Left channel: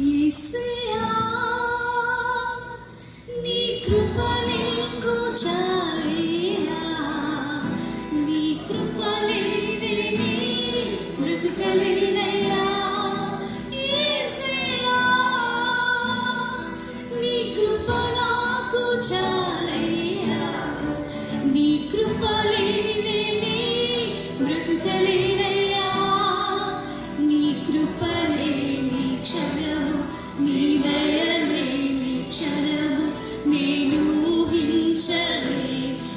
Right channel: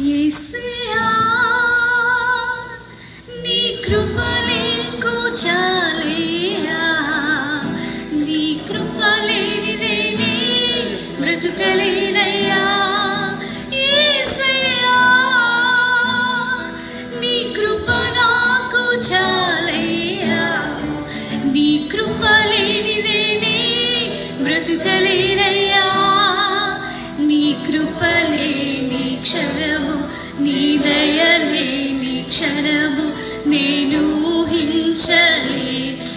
యేసయ్యా నీ కృపలేకు చాలయ్యా, నీ కృపలేనిదే నీ బ్రతుకలేనయ్యా. యేసయ్యా నీ కృప నాకు చాలయ్యా, నీ కృపలేనిదే నీ బ్రతుకలేనయ్యా. నీ కృపలేని క్షణము, నీ దయలేని క్షణము నేను ఊహించలే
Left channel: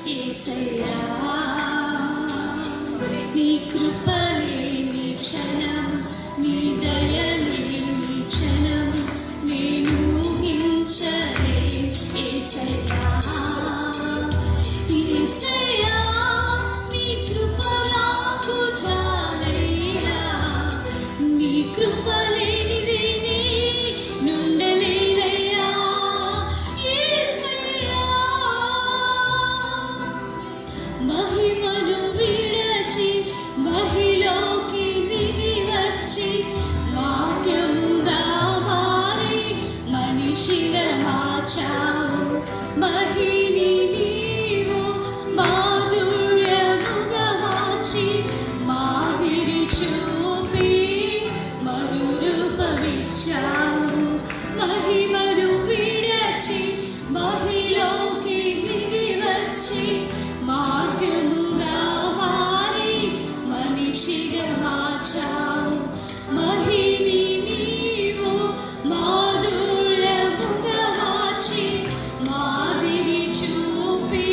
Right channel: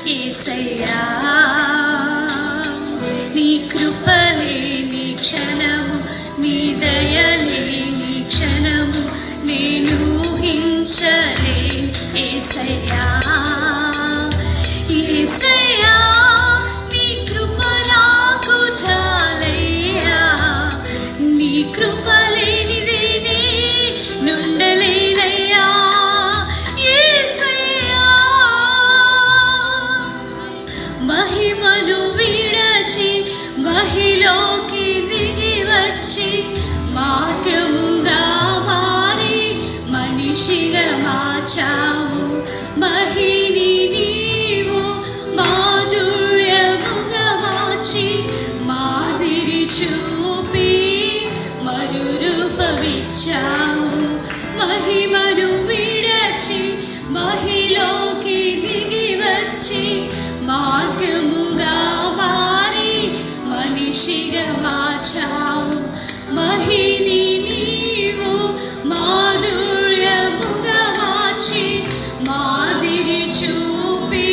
యేసయ్యా. నీ కృపలేని క్షణము, నీ దయలేని క్షణము నేను ఊహించలే యేసయ్యా. యేసయ్యా నీ కృప నాకు చాలయ్యా, నీ కృప లేనిదే నుండలేనయ్యా. యేసయ్యా మహిమను విడచి మహిలోకి దిగి వచ్చి మార్గముగా మారి మనిషిగా మార్చావు. మహిని నీవు మాధుర్యముగా మార్చి మాదిరి చూపి మరురూపమిచ్చావు. మహిమను విడచి మహిలోకి దిగి వచ్చి మార్గముగా మారి మనిషిగా మార్చావు. మహిని నీవు మాధుర్యముగా మార్చి మాదిరి చూపి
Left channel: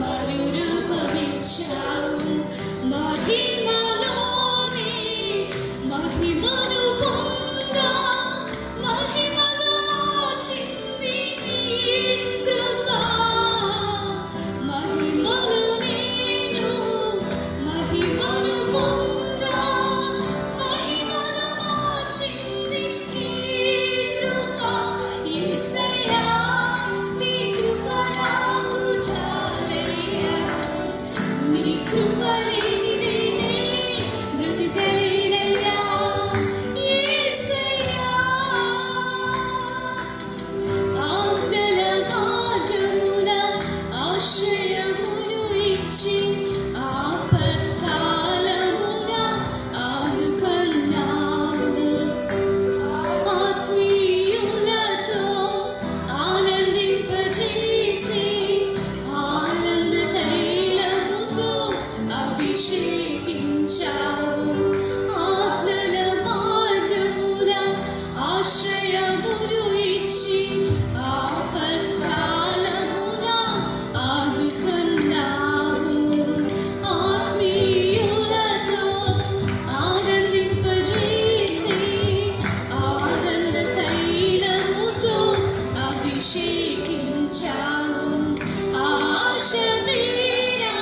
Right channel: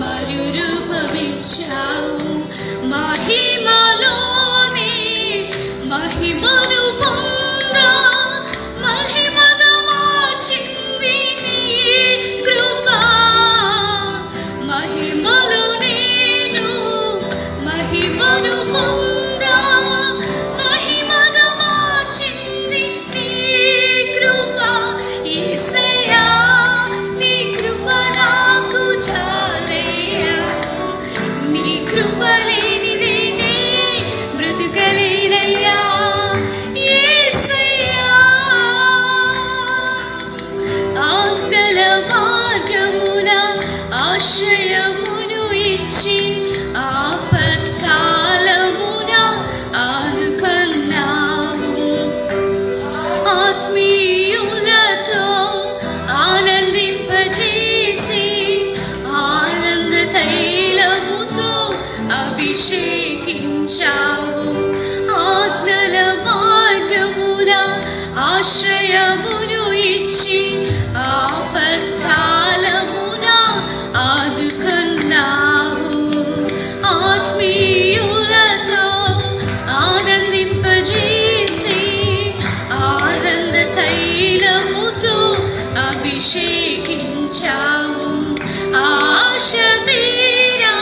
మరురూపమిచ్చావు. మహిమలోని మహిమను పొందా మహిమగా మార్చింది నీ కృప. మహిమలో నేను మహిమను పొందా మహిమగా మార్చింది నీ కృప. యేసయ్యా నీ కృప నాకు చాలయ్యా, నీ కృప లేనిదే నే బ్రతుకలేనయ్యా. యేసయ్యా ఆజ్ఞల మార్గమున ఆశ్రయమును ఇచ్చి ఆపత్కాలమున ఆదుకున్నావు. ఆత్మీయులతో ఆనందింపజేసి ఆనంద తైలముతో అభిషేకించావు. ఆజ్ఞల మార్గమున ఆశ్రయమును ఇచ్చి ఆపత్కాలమున ఆదుకున్నావు. ఆత్మీయులతో ఆనందింపజేసి ఆనంద తైలముతో అభిషేకించావు. ఆశ తీరా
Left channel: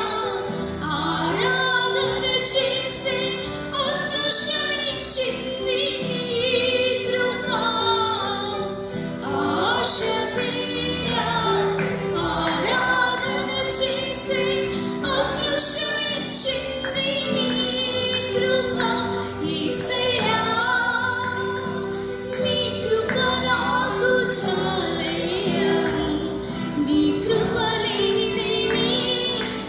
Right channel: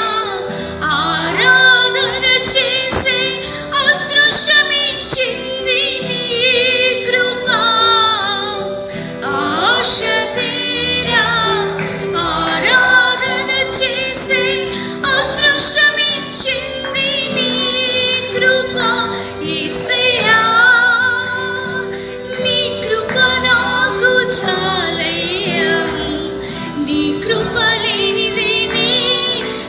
ఆరాధన చేసి అదృష్టమిచ్చింది నీ కృప. ఆశ తీరా ఆరాధన చేసి అదృష్టమిచ్చింది నీ కృప. యేసయ్యా నీ కృప నాకు చాలయ్యా, నీ కృప లేనిదే నీ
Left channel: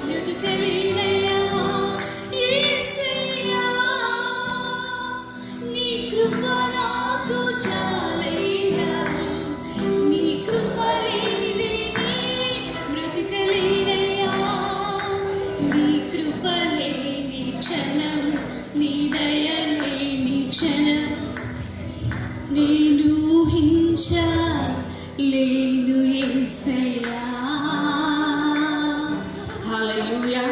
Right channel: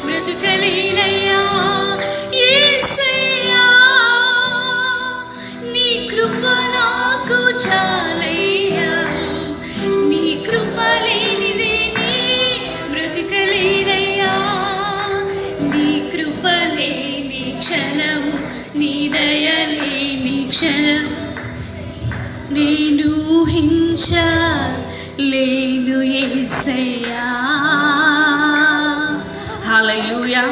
బ్రతుకలేనయ్యా. యేసయ్యా నీ కృప నాకు చాలయ్యా, నీ కృప లేనిదే నీ బ్రతుకలేనయ్యా. నీ కృప లేని క్షణము, నీ దయ లేని క్షణము నేను ఊహించలేను యేసయ్యా. హల్లెలూయా.